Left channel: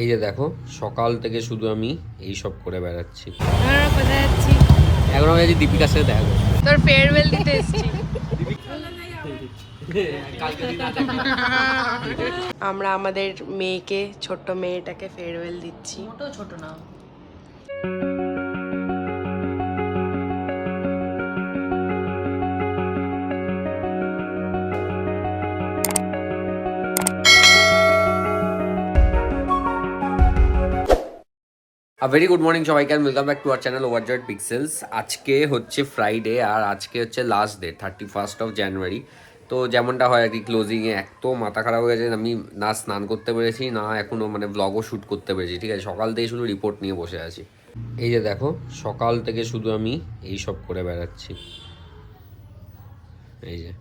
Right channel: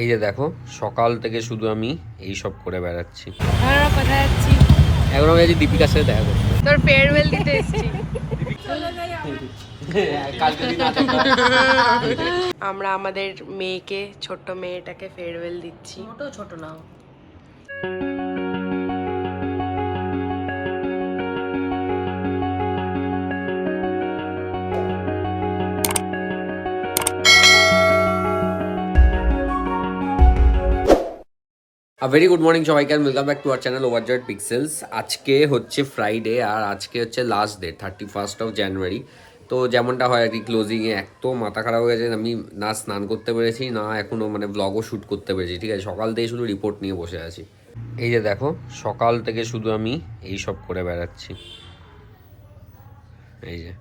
এই যে দেখো, সকাল থেকে শুধু আমি এই সব করে বেড়াচ্ছি। আমরা কোথায় যাচ্ছি? এখন আমি আজ দীপিকার সাথে দেখা করছি। তোর ফেয়ারওয়েল দিতে এসেছি। আমরা আমাদের মেয়েকে, ছোট্ট মেয়েটাকে ফেয়ারওয়েল দিচ্ছি। তো ছোট না। ভেরি গুড মর্নিং সবাইকে, আর welcome back to our channel overjoyed pixels. আজকে হচ্ছে ফ্রাইডে আর আজকে হচ্ছে last day, 31st of January. তো যেমনটা হয় আর কি, ক্লোজিংয়ে এত মাথা খারাপ হয়ে গেছে, আমি না স্নান করতে পেরেছি না এখনও মানে ব্লগও শ্যুট করতে পেরেছি। ঠিক আছে, সকাল থেকে শুধু রিপোর্ট নিয়ে বসে আছি। এই যে দেখো, সকাল থেকে শুধু আমি এই সব করে বেড়াচ্ছি। এই যে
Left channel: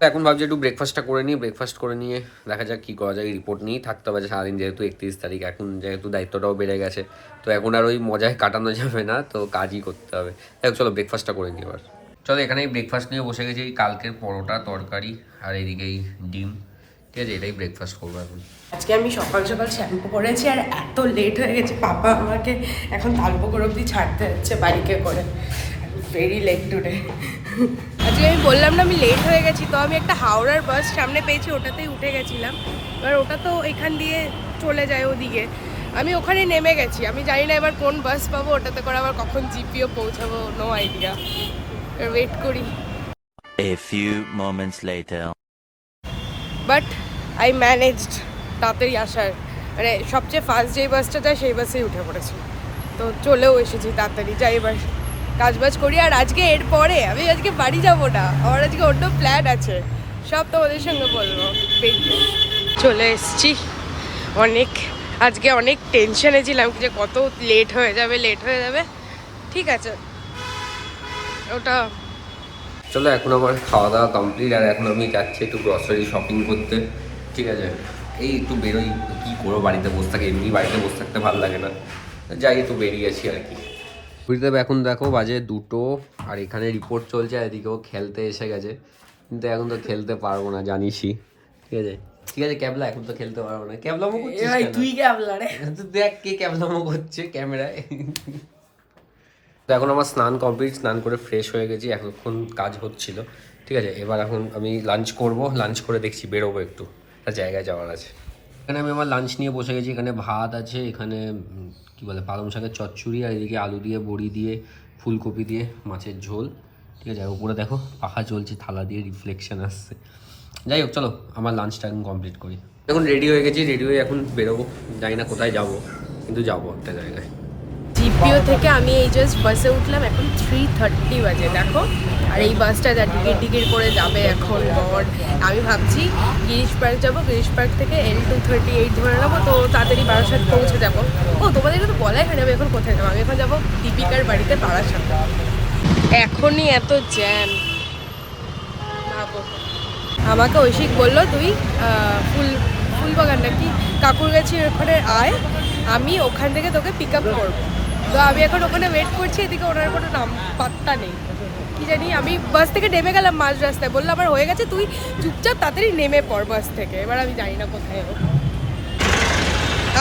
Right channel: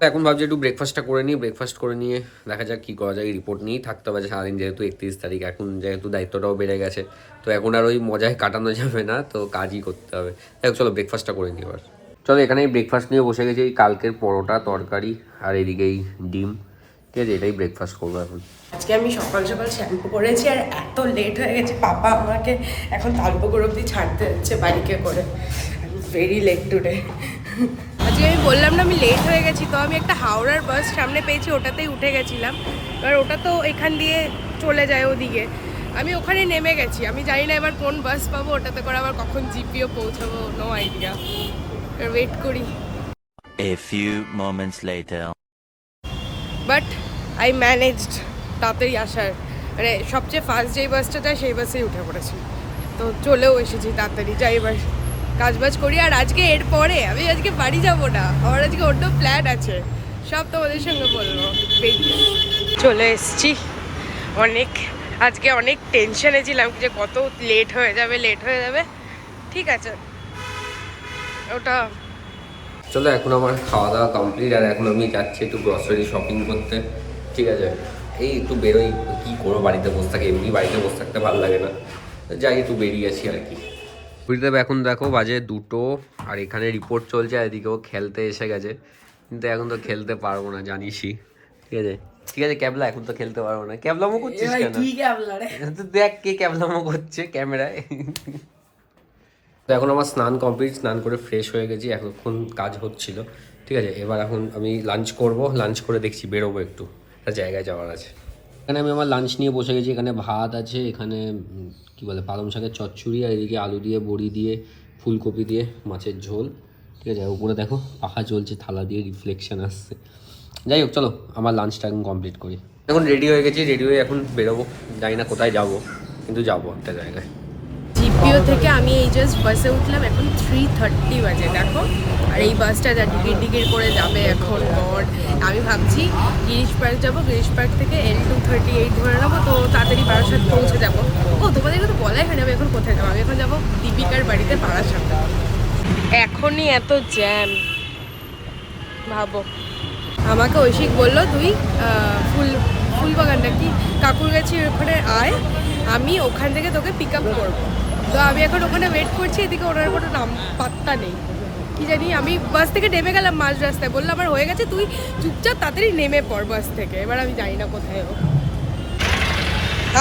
এখন ভাবছি একটু ব্রেকফাস্টটা করে নিই, ব্রেকফাস্ট করে নিয়ে দেখা যাক কী করা যায়। রিপোর্ট নিয়েই থাকতে হবে সারাদিন, যেহেতু 31 তারিখ, এখন যেহেতু দায়িত্বটাও বেড়ে গেছে, তো এখন আর ওই মজায় কাটানো যাবে না, তো কাজই করতে হবে। দেখ চলো ব্রেকফাস্টটা করে নিই এবার। চলো এখানে ব্রেকফাস্ট নিয়ে বসে গেছি, এই কালকের পরোটা তরকারি আর এদিকে এই ডিম। ঠিক আছে, এটাই ব্রেকফাস্ট করবো এখন। আজকে আমি সকাল সকাল শ্যাম্পু করেছি আর এত লেট হয়ে গেছে, পাপা আমাকে এখন তালপুকুর অব্দি ছাড়তে হচ্ছে বাইকে করে। Very late today. আজকে আমি বললাম না আমি লেট হয়ে গেছি, তো আমি একটা হাওড়ার বাস সামনে পেয়েছি, ওটাতেই উঠে গেছিলাম। এবার ওটা তো এখান দিয়ে চলে যায় ওদিকে, আমি ওখানে নেমে গেছি। আমি জানি না এবার কোন বাস পাবো, ওটাতে করে আবার কখন জিপিও পৌঁছাবো, নো আইডিয়া। ওয়েট করি। A few moments later. But I managed তাড়াতাড়ি আসার, মানে সবচেয়ে ফার্স্ট যেই বাসটা যায় সেই বাসেই উঠে পড়েছি, তো চলেও এসেছি তাড়াতাড়ি। যাই এবার কাজবাজ করি। আর আজকে এরপরে আমি আজকে বাড়ি যাব না, আমার আজকে অন্য প্ল্যান আছে, সব তোমাদের সঙ্গে বলবো। চলে এসছি। আজকে অনেক টেনশনে ছিলাম যে কত লেট হয়ে যাবে। ঠিক আছে, ওটা চলো এখন আমার খাওয়া দাওয়া কমপ্লিট, আর এখন আমি যাচ্ছি একটু গ্রসারি শপিং করতে। ঠিক আছে, এই একটু বেরোই, কী করবো বাড়িতে বসে থাকে, এমনি বাড়িতে বসে থাকতে ভালো লাগে না, যাই একটু বেরিয়েছি আর কি। বুঝতে হবে, এখন দেখো বাজে 2টো, আর এখানে রিপোর্ট চলছে, আর এদিকেও খেলতে এসে গেছে, কিন্তু এখন তো খেলতে পারবো না জানিসই। ঠিক আছে ক্যাবলা, এখন তো খেলতে পারবো না। ক্যাবলামো করছিস কেন? তুই ক্যাবলা রে, তো দেখ কে ক্যাবলামো করছে ক্যামেরায়। তো এখন আমার স্নান কমপ্লিট, স্নান করে ফ্রেশ হয়ে গেছি, এখন কাজ হচ্ছিল। ঠিক আছে, এবার এখন আমি লাঞ্চ করব, লাঞ্চ করে দেখছি বেরোবো, একটু একটা জায়গায় যাওয়ার আছে। এখানে আমি আমার লাঞ্চ নিয়ে বসে গেছি, এখানে ভাত আছে, এখানে কী বলে পালং শাকের চচ্চড়ি, আর এদিকে আলু দিয়ে বড়ি দিয়ে ফুলকপি দিয়ে মাছের ঝোল। ঠিক আছে, উপরে দেখো পাখা চলছে, থালা দিয়ে রিফ্লেকশন আসছে। যাই হোক চলো আমার লাঞ্চটা এখন কমপ্লিট করি। এখন রেডি হয়ে গেছি, রেডি হয়ে এখন বেরোবো, জানি না কোথায় যাব, কিন্তু যাবো একটা জায়গায়। জিপিও থেকে আমি এই জাস্ট বাসে উঠলাম, এখন 3:30 বাজে দেখো। আর এই বাসটা যা টিকিট করে যাবে এখন গড। আমি ভাবছি গিরিশ পার্ক যাবো, গিরিশ পার্ক থেকে L238 ধরে নেবো, তো তাড়াতাড়ি বারাসাত পৌঁছে যাবো। ও তোমাদেরকে তো বলাই হয়নি আমি এখন কোথায় যাবো। আমি এখন যাবো দীপিকার বাড়িতে বারাসাত। এখনই এত জ্যাম, ভাবো। আমাকে ঐশিক বললো তুই ফুলবাগানটা কি কাকুর গেছি, ওখানে আয়, আমি ওখান থেকে তোকে পিক আপ করবো। তো আমি এখন ওখানে ওয়েট করছি, এদিকে ওনার কোনো নাম পাত্তা নেই। কি জানি, আমি বাস থেকে নেমে গেলাম মাঝ রাস্তায়, বললো আমার হয়ে গেছে, তুই চুপচাপ তাড়াতাড়ি নেমে পড় বাস থেকে। এবার আমি জানি না কোথায় ও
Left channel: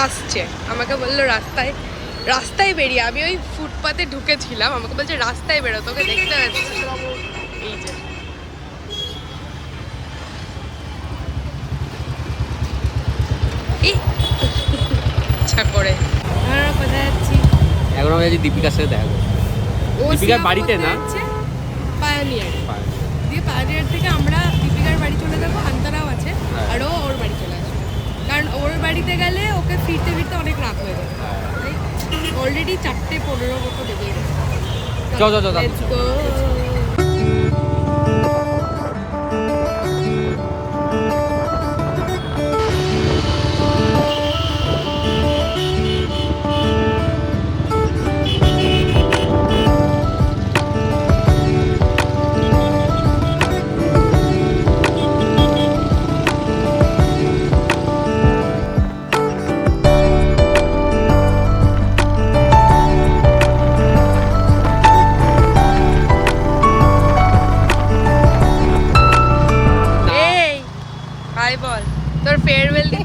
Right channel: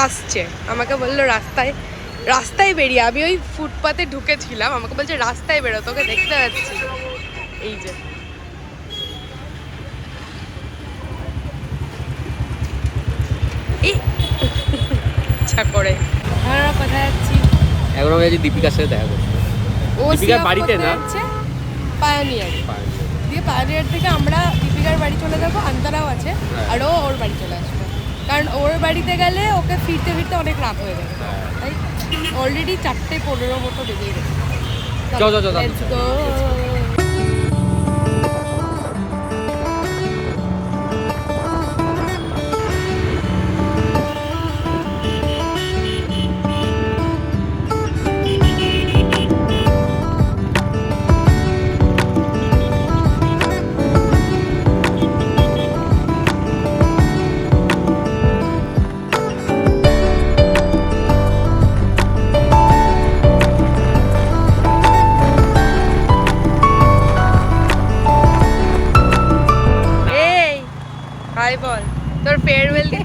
আসছে। আমাকে বললো রাস্তায় বেরিয়ে, আমি ওই ফুটপাতে ঢুকেছিলাম, আমাকে বলছে রাস্তায় বেরো, তোকে দেখতে পাচ্ছি। এই যে ইচ্ছা করে। আমরা কোথায় যাচ্ছি? এখন আমি আছি দীপিকার সাথে দেখা করতে। ও দীপিকার বাড়িতে না, পায়োনিয়ার দিয়ে, পায়োনিয়ার থেকে আমরা দীপিকার বাড়ি চলে যাবো, আন্তরাও আছে, আর ও ওর বাড়ি চলে আসবে, কারণ ওর বাড়িতে গেলে ওকে ফিরতে অনেক রাত হয়ে যাবে। তাই অলরেডি 4:15 মতো বেজে গেছে। Let's go.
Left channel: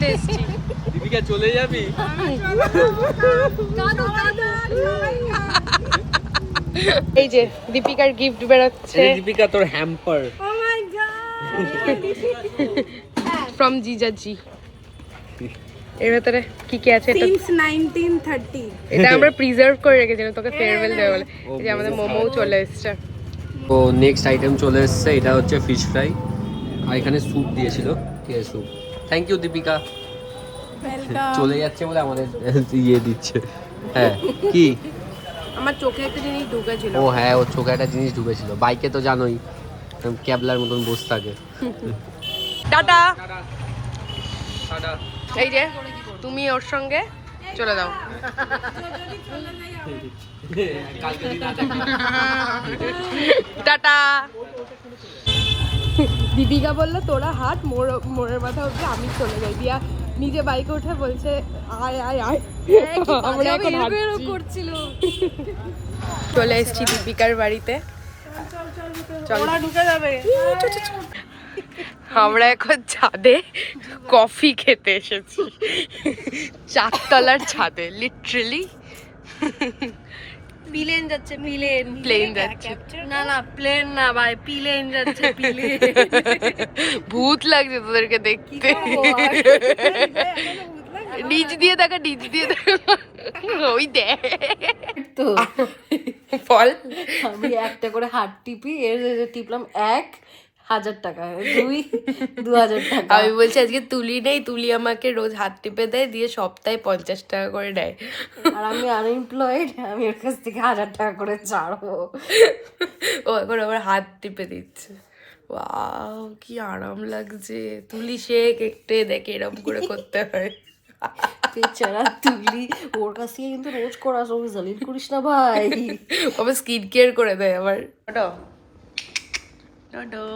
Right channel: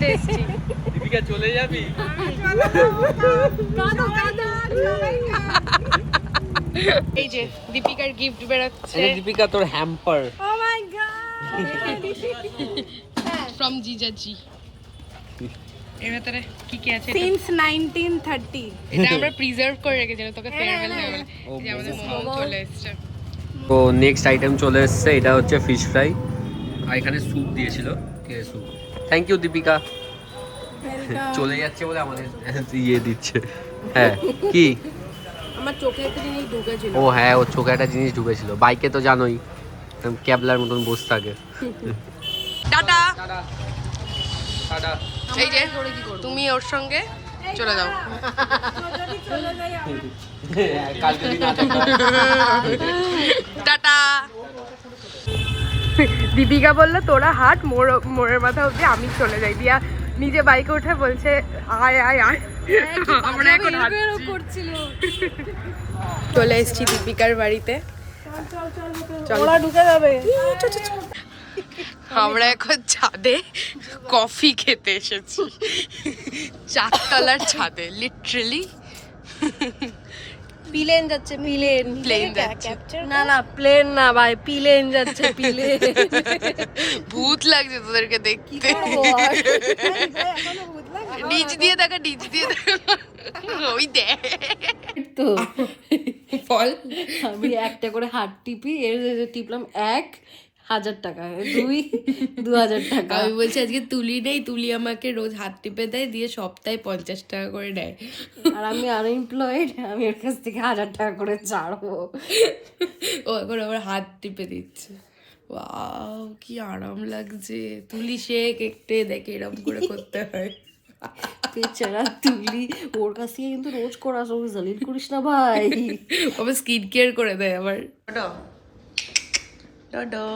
বাড়িতে এসেছি। দীপিকা চলে যাবি? এই যে দীপিকার গিফট বেরোচ্ছে দীপিকা তোর হ্যাম্পার ফ্রম জিজাজি। এর ভেতরে কি কি আছে? Since 1930 এটা আমরা প্রিজার্ভ করে রেখেছিলাম তোকে ফেয়ারওয়েল দেওয়া বলে। এই যে আমাদের মোমো চলে এসেছে। তো নেক্সট আইটেম চলে এসছে, এটা হচ্ছে ফিশ ফ্রাই আর এখানে স্যুপ দিয়েছিল। ঠিক আছে, স্যুপ। Thank you Deepika. চলে যাচ্ছে বলে আমাদের ইয়ে দিচ্ছে। হ্যাঁ কি? আমার চোখে একটা জিনিস ঢুকেছিল। ও হ্যাঁ, ওর চোখে একটা জিনিস ঢুকেছিল। বাইকে তো জানোই ক্যাবলার মতন বসে থাকে। টাটা। এই যে তুমি ওর সঙ্গে চলে যাও। কালকে দিন না দেখা। টাটা। দীপিকা বললো তোরা হাট মোড়ের মাথা অব্দি, আমি চলে যাই। দিয়া নিজে বাইকে উঠে বলছে আয় আয় আয়। আমরা এখন করছিল। চলে এসেছি দীপিকার বাড়িতে। ওরা ঢুকে যাবে। আমরা এখন ছাদে কফি খেতে এসেছি, 4 তলার ছাদে। লিটারালি প্লেন যাচ্ছে, প্লেন যাচ্ছে। না প্লেন না ভাই, প্লেন যাচ্ছে, প্লেন। ভূত লাগছে তোদেরকে দেখতে। নিচ দিয়ে দেখা, নিচ দিয়ে দেখা। ওই দেখ তো ফল। আমি একটা করে হাত টিপি, এর টিপলাম 1,000 টাকা, 2,000 টাকা। আমি বলছি আজকে তুলি নেই, তুলি আমাকে রোজ হাত টিপে দেয়, দিয়ে সপ্তাহে 50 টাকা করে দেয়। আর আমি আনএমপ্লয়েড, আমি ওর কাছ থেকে 1,000 টাকা করে ছাড়বো। ও এখন আবার হাত টিপে দিচ্ছে। ওয়াও কি আরাম লাগছে। তুলি শেখ একটে দেখে এরকম করে করতে হয়। বেচারা তুলি, ওর কাছ থেকে কিন্তু রোজ করা, সব জালিল করিস না ভাই। আবার স্কিন কেয়ার করে দেয় আবার। ডডো ডডো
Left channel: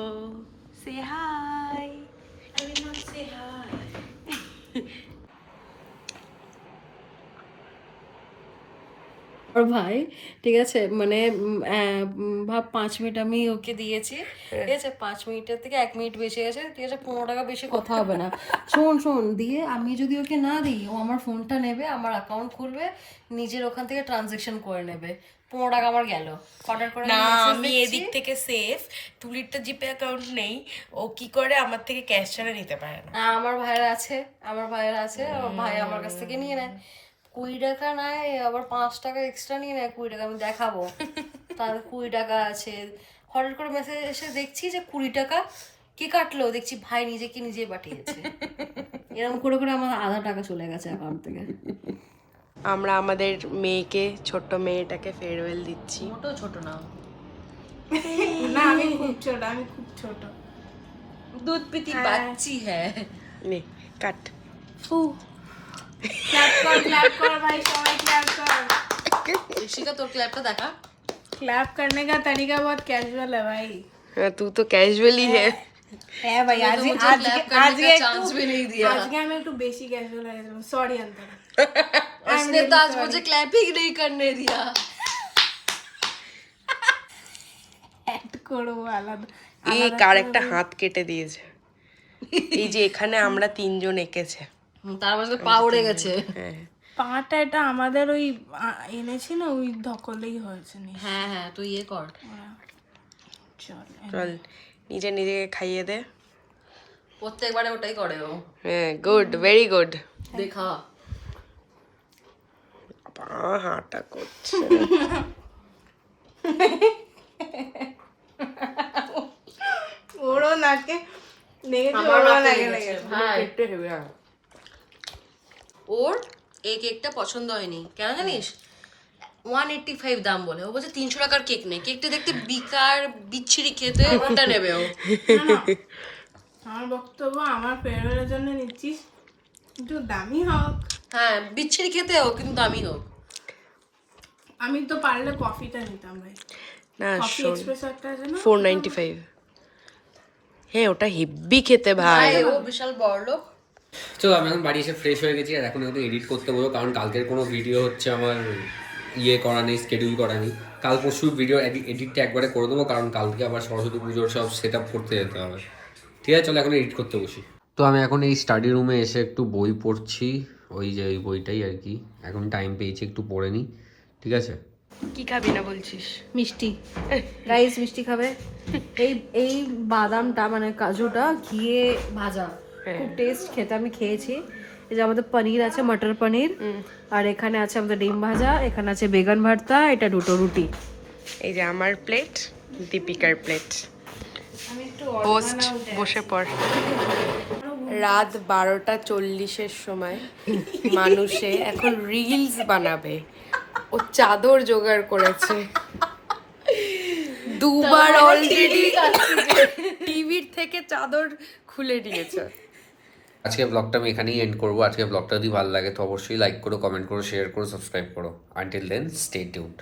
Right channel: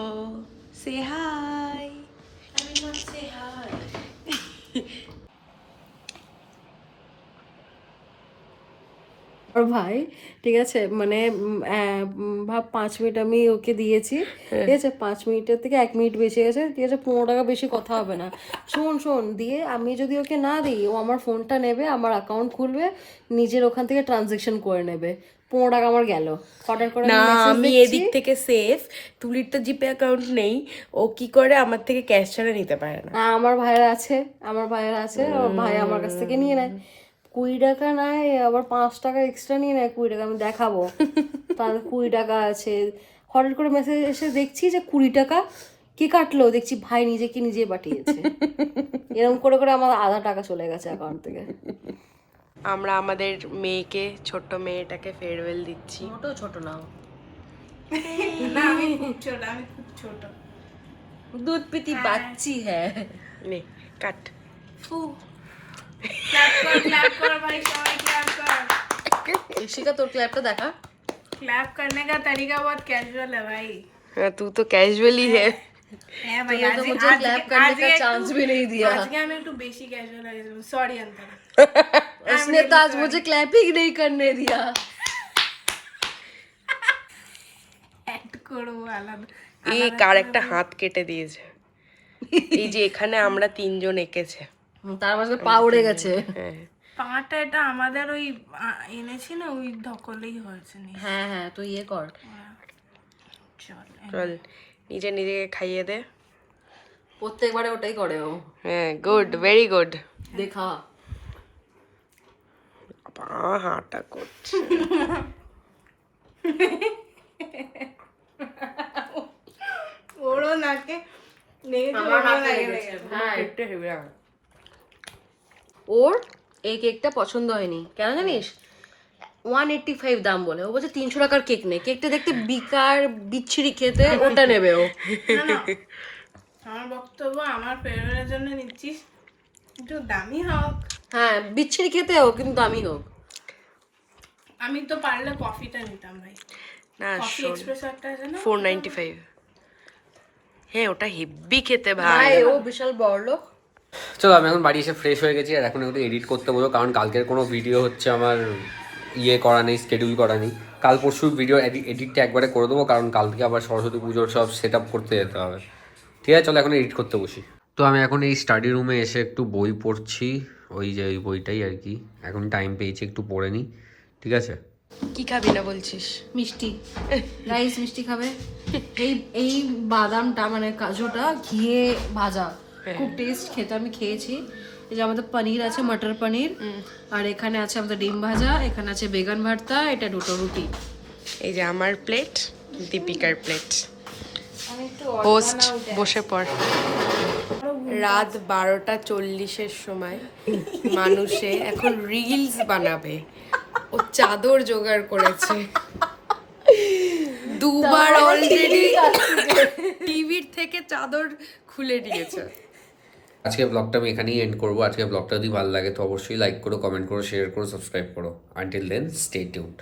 সে হাই। আর ভাই ঠিক আছে, মানে ভাব 5 মিনিট আমি ওকে দিয়েছি, ঠিক আছে, 5 মিনিটের থেকে 1 মিনিট বেশি গেছে, ঠিক আছে, 15 টাকা বেশি কথা হবে না। শোন দিয়ে আমি যদি ওকে না দিই, ও আমার ফোনটা নেবে, আমার অ্যাকাউন্ট খুলবে, নিজের ওখান থেকে ট্রানজেকশন করে নেবে, 15 টাকা আমার গেল। অর্ডার করে না আমি এদিক থেকে সেফ। তুলির তো জিপে অ্যাকাউন্ট নেই, ও কি করে আমার থেকে ক্যাশ ছাড়া নিতে পারে না। আমার ভাইয়ের আছে, ওর ভাই আমার কাছ থেকে নিয়ে নেয় 20 টাকা, নেয় আবার 5 টাকা এক্সট্রা নিয়ে নেয় 20 টাকা। আমি দেখাবো তার 20 টাকা আছে। হঠাৎ করে মেসেজ এসে দেখছি যে 20 টাকা কে কাটলো, দেখছি ভাই নিজে পাঠিয়েছে। এরকম করে করে আমার 1/2 টাকা চলে গেছে অ্যাকাউন্ট থেকে। আমরা আমাদের মেয়েকে, ছোট্ট মেয়েটাকে ফেয়ারওয়েল দিচ্ছি। তো ছোট না, না আমি খুব ছোট দুধ পিতি বাচ্চি হ্যাঁ। নে কাট। क्लैप कर भाई, सवाल क्लैप कर। ऋषिका তোর ক্ল্যাপটা দেখা। क्लैप करने का तरीका बहुत कैजुअल है भाई। हाँ, तू तो कैजुअली है। है भाई, आज चांस भी नहीं दिया। आज के मैं टू बेसी कैजुअल है। सॉरी अंतर। उसने तो आज मुझे क्लैप ही नहीं करने दिया। ऐड करो वाला एक আর একটা হাত কেটে দিয়েছে। এই যে এখানে আমরা 3 জন এঁকেছে। তার মাঝে পা উড়ে গেছে। হ্যাঁ পাটা এটা আমাদের ওই এনেছি না, ওই ধকলেই হয়েছে নি। হ্যাঁ তুই ইয়ে কর। চল চল নিজে নিজেকে খাইয়ে দে। প্রত্যেকবারে ওটাই করে ও। হ্যাঁ গুড, ভেরি গুড। দেখা হাঁটা করছে। ওড়ো নাকে নেগে আমার ওড়ো রাগ লাগে হয়ে গেছে। গেছে। হ্যাঁ একটু হেভি। ওর এই কেকটা পছন্দ হয়নি, কেন জানিস? 185 দাম বলে, ও বলছে 300 টাকার কেক নেই, কেকটা দেখতে বিকার বিচ্ছিরি খেতে, ওটা নেবে ও। না, আমার বক্তব্য, আমার ফেভারিটের জন্য নিচ্ছিস, একটু দামি হোক। হ্যাঁ বিচ্ছিরি খেতে হোক কিন্তু দামি হোক। আমি তো পারলে কফিটা নিতাম ভাই। না কফি শোন, এক্সপ্রেসো একটা আছে না, 495। হ্যাঁ ওটা হেভি খেতে ভাই। ও বিশাল বড় লোক। চলো আমি এখন বাড়ি এসে ফ্রেশ হয়ে গেছি, আর এখন একটু এডিট করতে বলবো, কারণ কালকের কোনো ভিডিও হচ্ছে আমার ইয়ে করা নেই, স্কেডিউল করা নেই। কাল পরশু ভিডিও এডিটটা একবারে করে দেবো, কারণ কালকে আবার সরস্বতী পুজোর সব সেট আপ করতে যেতে হবে। ঠিক আছে চলো এখন এডিট করতে বসি। তো আমি এখন এই স্টাডি রুমে এসে একটু বই পড়ছি, ওই যে ওই বইটাই আর কি। এখন টাইম পেয়েছি, একটু পড়ে নিই, ঠিক আছে? কি খাবি না বলছিস? মিষ্টি, রাইস মিষ্টি খাবে। এই এই বাদামটা মানে কাজুটা ঘিয়ে ভাজা, খুব টেস্ট খেতে, আমি খেয়েছি। এই যে আমাদের পনির আছে, মটর পনির, আর এখানে আছে আমাদের ডিম ভাজা, এখানে আছে বেগুন ভর্তা, এটা দুটো রুটি। এই যে আমার প্লেট, দীপিকার প্লেট। আমি একটু হোস্ট বসে পড়। রাত 12:40 সময় মানুষে এখন রিলস বানাবে, ও চাদর জোগাড় করেছে। দুবার অলরেডি টিভির থেকে চাদর খুলে নিয়েছে। আজকে ব্লগটা আমি এখানেই এন্ড করবো। আজকে ব্লগটা যদি ভালো লাগে তো অবশ্যই লাইক করো, কমেন্ট করো, শেয়ার করো, সাবস্ক্রাইব করো। Until then stay tuned.